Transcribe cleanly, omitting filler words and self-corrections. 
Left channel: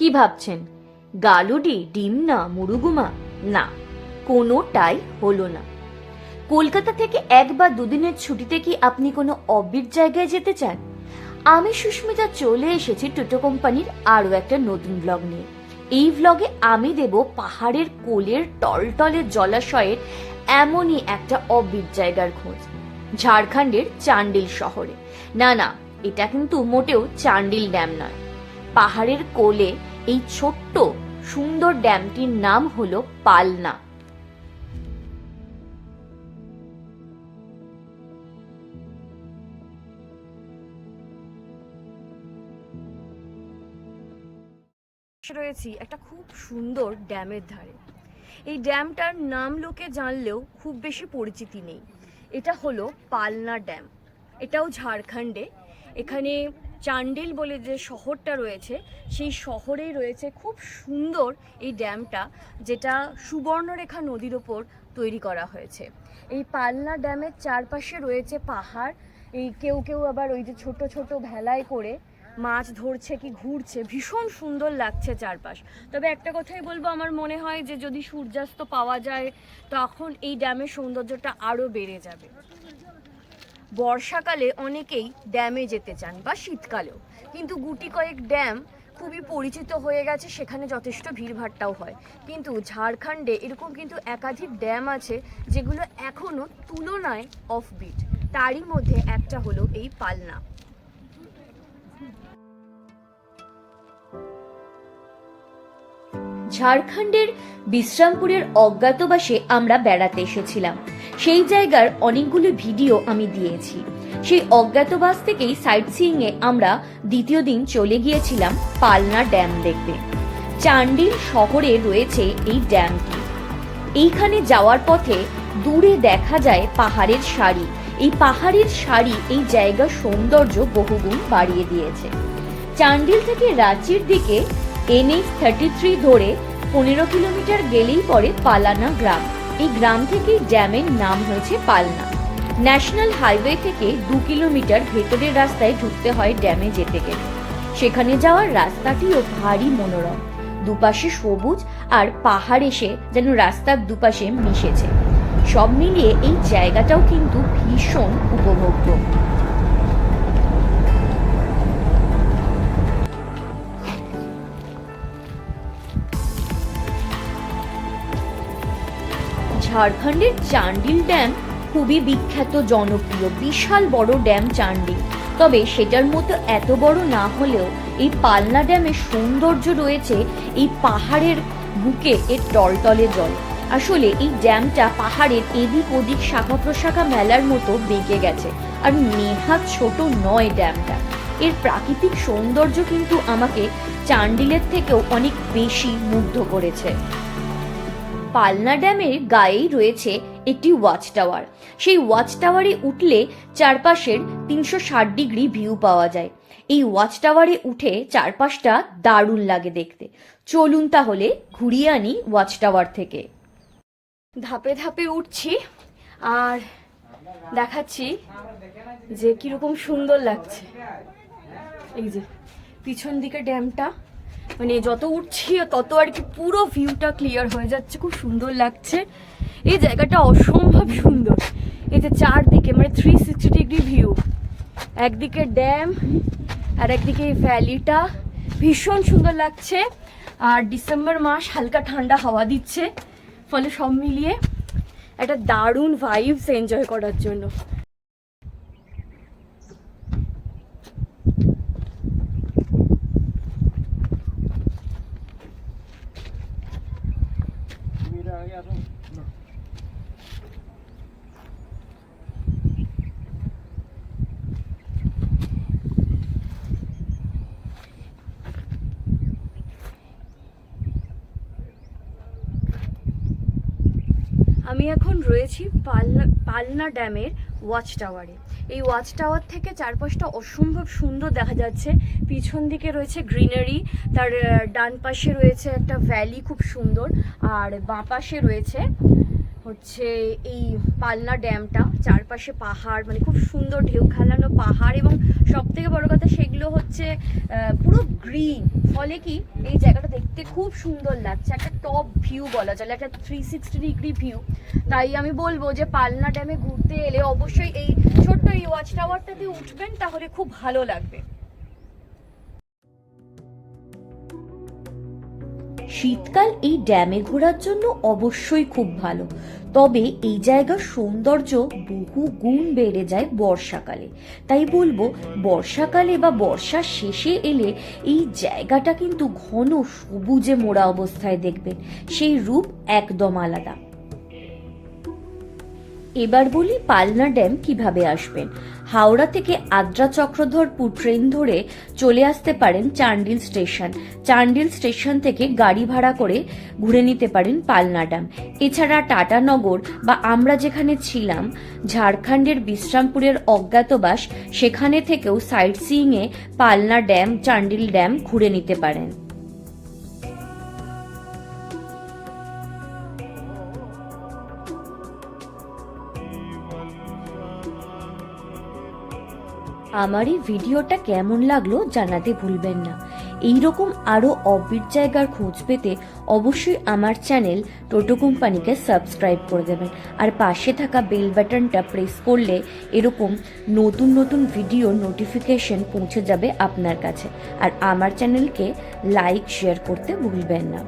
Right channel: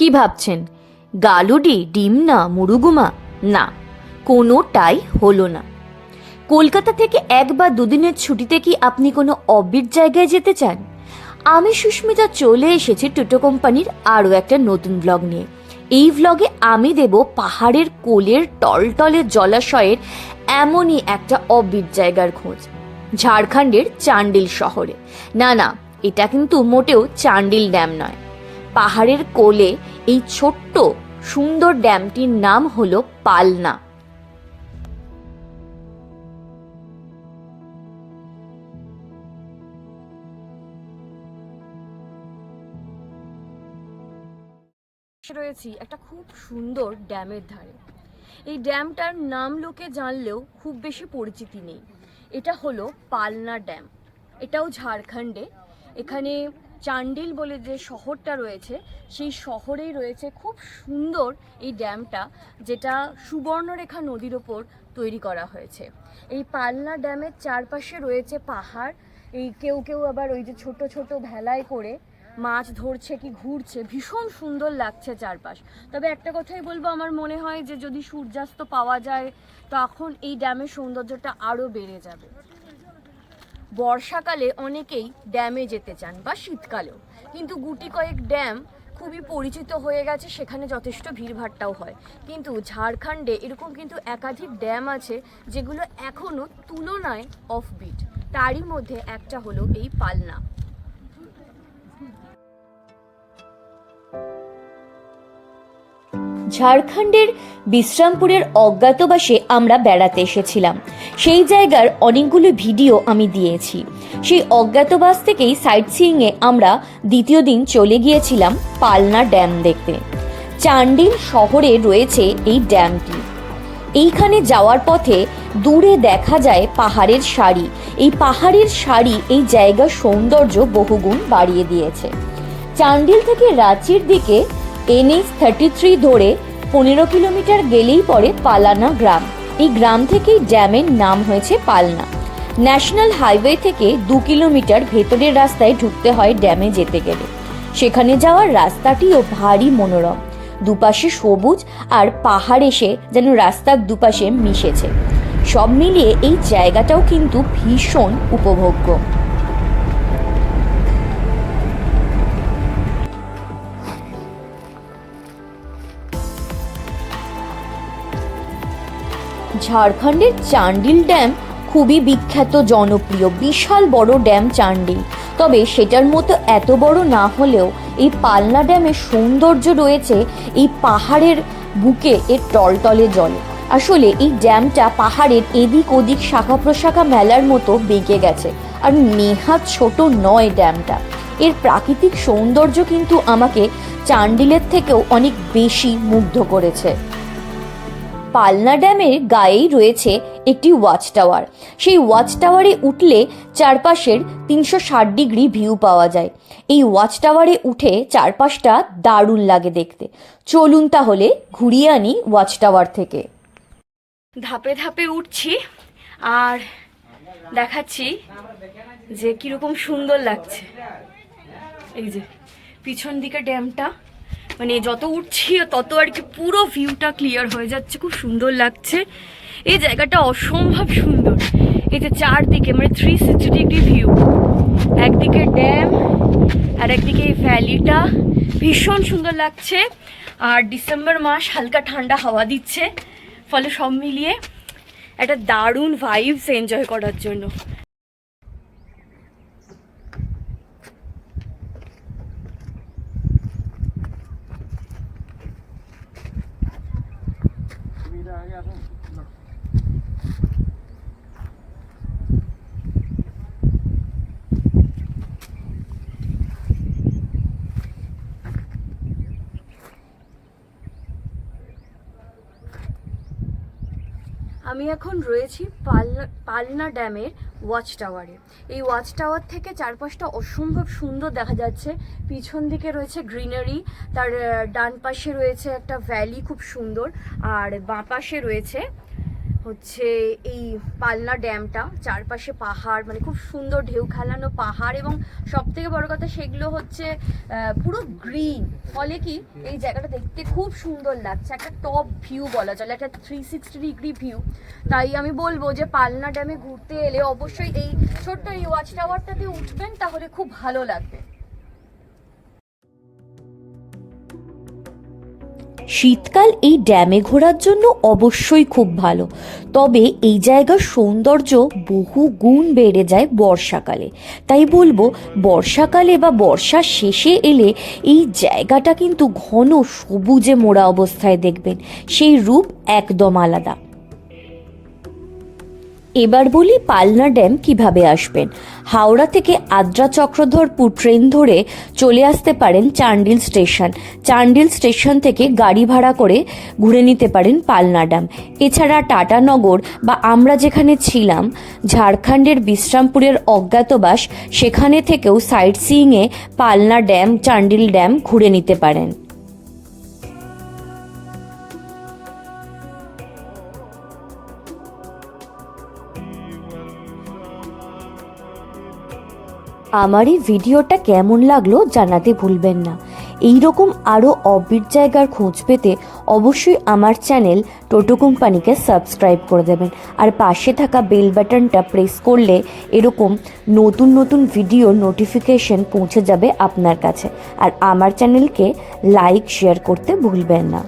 কি ভাবছেন, গালুডি, ডিম না মুরুগুমা? না, কোনোটাই হলো না। কলকাতা থেকে 1 বা 2 দিনের ছুটিতে কি আপনি কোনো অফবিট জায়গায় যেতে চান? আমি সুস্মিতা চলে এসেছি টোটো কোম্পানির আরও একটা নতুন ব্লগ নিয়ে। এই ব্লগে আমি দেব পাহাড়ের কোলের টলটলে জলাশয়ের এমনই একটা অফবিট জায়গার খোঁজ, ঝাড়খণ্ডের চান্ডিল শহরে। না না, এটা কিন্তু মোটেও চান্ডিল ড্যাম নয়। পাহাড়ের কোলে এই ছোট্ট সুন্দর ড্যামটির নাম হলো পালনা। রয়েছি একটা খুব সুন্দর ড্যামের ধারে। এই ড্যামটার নাম লোকে জানলেও খুব বেশি পরিচিতি নেই। এটা হলো পালনা ড্যাম। এটাও ঝাড়খণ্ডে। এখানে চান্ডিল বলে যে শহরটা রয়েছে, সেই শহরেই রয়েছে খুব সুন্দর এই ড্যামটা, যেটা সুবর্ণরেখা নদীর ওপর তৈরি করা হয়েছে। এই পালনা ড্যামের চারপাশে রয়েছে পাহাড়। এই কেউ কেউ আবার ওই যে ছোট ছোট ভেলায় করে মাছ ধরছে কি ঘুরছে, ভীষণ সুন্দর লাগছে চারপাশ। তবে একটা কথাই বলবো, আমার মনে হয় যে যদি সূর্যাস্ত পাওয়া যায় তখন এই ড্যামের সৌন্দর্যটা আরও বেড়ে যাবে। বর্ষাকালে অনেকেই ড্যামে যেতে চান বা শীতকালেও, কিন্তু গুটি কয়েক ড্যাম খুবই পরিচিত হয়ে গেছে, সেখানে যথেষ্ট ভিড়ভাট্টাও হয়। কিন্তু ঝাড়খণ্ডে এরকম কিন্তু একাধিক ড্যাম আছে যেগুলো এখনও তুলনায় অফবিট। তারই মধ্যে একটা হলো এই পালনা। ঝাড়খণ্ডের বিশ্রামপুরের অজ্ঞাতবাসে আমরা বেড়াতে এসেছিলাম। সেই জায়গার অনেকগুলো ভিডিও আমি দিয়েছি। সেই অজ্ঞাতবাস থেকেই সাইট সিইংয়ে আমরা দ্বিতীয় দিন চলে গিয়েছিলাম পালনা ড্যাম দেখতে। চান্ডিল শহরে রয়েছে এই ড্যামটি। এইখানে যাওয়ার পথে দূরে দেখা যায় পাহাড়ের সারি। এই পাহাড়ের সারি এই জায়গার সৌন্দর্য বহুগুণ বাড়িয়ে দিয়েছে। চান্ডিল থেকে রাঁচির দিকে NH-33 ধরে 15 কিলোমিটার গেলেই পড়ে পালানা গ্রাম। এই গ্রাম থেকেই ড্যামের নাম হয়েছে পালনা। ন্যাশনাল হাইওয়ে থেকে 2 কিলোমিটার ভেতরের রাস্তায় ঢুকতে হয় ড্যামে যেতে গেলে। সেখানে যাওয়ার রাস্তাটিও ভারী মনোরম। দুপাশে সবুজ আর পাহাড় এসে যেন রাস্তার দুপাশে মিশেছে। সব মিলিয়ে এই জায়গাটাও কিন্তু ভীষণ উপভোগ্য। ঝাড়খণ্ডের চান্ডিল ড্যাম খুবই বিখ্যাত, জনপ্রিয়, বিশাল বড় ড্যাম চান্ডিল। তবে সেটার মতো এত বড় না হলেও এই পালনা ড্যামের সৌন্দর্য রয়েছে এই পাহাড়ের বুকে এর টলটলে জল। আসলে এই ড্যামটা পাহাড়ের এদিক ওদিক শাখা প্রশাখা মেলার মতো বেঁকে গেছে, আর নেহাত ছোট নয় ড্যামটা। এর প্রাকৃতিক সৌন্দর্য কিন্তু আমাকে চান্ডিলের থেকেও অনেক বেশি মুগ্ধ করেছে। পালনা ড্যামের গায়েই রয়েছে একটি ওয়াচ টাওয়ার। সেই ওয়াচ টাওয়ারে উঠলে চারপাশের 360 ডিগ্রি ভিউ পাওয়া যায়। এই ওয়াচ টাওয়ারে উঠে চারপাশটা দারুণ লাগে দেখতে। চলুন তাহলে ঘুরিয়ে আনি ওয়াচ টাওয়ার থেকে। ধাপে ধাপে উঠছি আর দেখাচ্ছি যে কিরকম সুন্দর লাগছে। এই যে পিছন দিকে ড্যামটা, মানে যত উঠছি তত আর কি পুরো ভিউটা ক্লিয়ার হয়ে যাচ্ছে, খুব সুন্দর লাগছে। এই জায়গাটা অসম্ভব সুন্দর। এই যে চারদিকে মানে 360 ডিগ্রি ভিউ, একদিকে ড্যাম আর একদিকে এই ভ্যালিটা, ভীষণ সুন্দর লাগছে। আর ডিসেম্বর মাস, হালকা ঠান্ডা হাওয়া দিচ্ছে, ফলে সব মিলিয়ে একটা দারুণ ভাইবস এনজয় করার জন্য। আমি এখন রয়েছি পালনা ড্যামের ওয়াচ টাওয়ারে। এই ওয়াচ টাওয়ার থেকে চারপাশটা অসম্ভব সুন্দর দেখা যাচ্ছে। পিছন দিকে রয়েছে গ্রিনারি, তার ডান পাশে রয়েছে একটা ভ্যালি খুব সুন্দর, আর বাঁ পাশে রয়েছে হচ্ছে এই পালনা ড্যামটা, চারপাশে পাহাড়, মানে খুব সুন্দর ঢেউ খেলানো পাহাড়, এবং সব থেকে বড় কথা সেগুলো হচ্ছে পুরো গ্রিন, ফলে কি এই জায়গাটা দেখতে খুব সুন্দর লাগছে, একটা টপ ভিউ বলা চলে, একটা 360 ডিগ্রি ভিউ। তাই আমি বলবো যে পালনা ড্যামে ঘুরতে এলে অবশ্যই এই ছোট্ট এই ওয়াচ টাওয়ারটাতে উঠবেন, তাহলে খুব ভালো লাগবে। শীতকাল এই ড্যামে ঘোরার জন্য অবশ্যই খুব ভালো, তবে এই জায়গার সৌন্দর্য বহু গুণ বেড়ে যায় বর্ষাকালে। তাই বলবো বর্ষাকালে বা বর্ষার শেষে এলে এই জায়গাটা কিন্তু ঘন সবুজে মোড়া অবস্থায় দেখবেন, সেই রূপ একদম আলাদা। এবার বলি পালনা ড্যাম কিভাবে আসবেন। হাওড়া থেকে আদ্রা চক্রধরপুর ট্রেন ধরে চলে আসতে পারেন চান্ডিল স্টেশন। চান্ডিল স্টেশন থেকে গাড়ি ভাড়া করে ঘুরে নিতে পারেন পালনা ড্যাম। এছাড়া টাটানগর বা আমরা যেখানে ছিলাম ঝাড়খণ্ডের বিশ্রামপুরের অজ্ঞাতবাস, সেখানে থেকেও সাইট সিইংয়ে পালনা ড্যাম, চান্ডিল ড্যাম ঘুরে নিতে পারেন। আমার এই ভিডিওটা কেমন লাগলো জানাতে ভুলবেন না। এই রকম আরও অবিট জায়গার খোঁজ পেতে অবশ্যই আমার চ্যানেল টোটো কোম্পানিকে সাবস্ক্রাইব করে দেবেন, আর পাশে থাকা বেল বাটনটা প্রেস করলে এরকম নতুন নতুন ভিডিও নোটিফিকেশন পৌঁছে যাবে আপনার কাছে। আর আমার চ্যানেলকে লাইক শেয়ার করতে ভুলবেন না।